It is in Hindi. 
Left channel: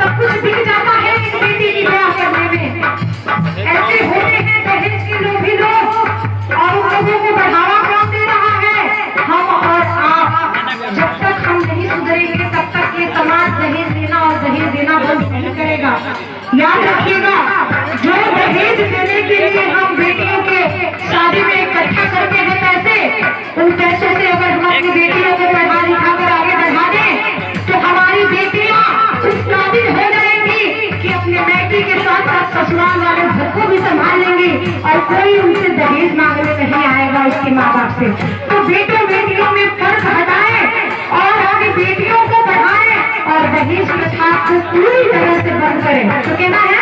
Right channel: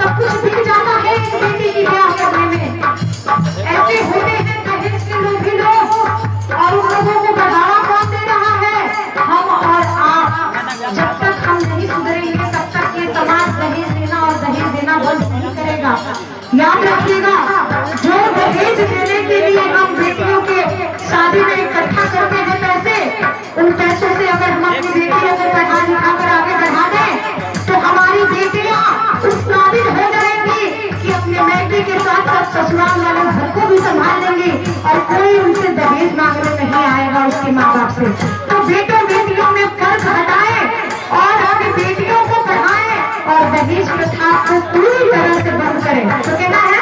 सब कुछ बिक जाता है इस बेटी की ब्याह करने में। ऐसे होते हैं दहेज के लोभी लोग और उन लोगों को बढ़ावा कौन दे रहा है? हम और आप। जब तक हम नहीं सुधरेंगे तब तक ये समाज दहेज देना और दहेज देना बंद नहीं करेगा। याद रखिएगा, जो दहेज देने के लिए हम बेटियों के शादी में इकट्ठा करते हैं पैसे, उन पैसों से अगर हम अपनी बेटियों को पढ़ा लिखा कर आगे बढ़ा दें तो हमारी बेटियां उस काबिल हो जाएंगी कि अपने बेटी के साथ साथ ससुराल वाले घर को भी संभाल लेंगी और कोई उनसे दहेज मांगने नहीं आएगा उसके माँ बाप से। तो बेटों बेटियों में फर्क हटाएं और आगे बेटियों को पढ़ाएं और दहेज प्रथा को पूरी तरह से बंद करें। तो कहना है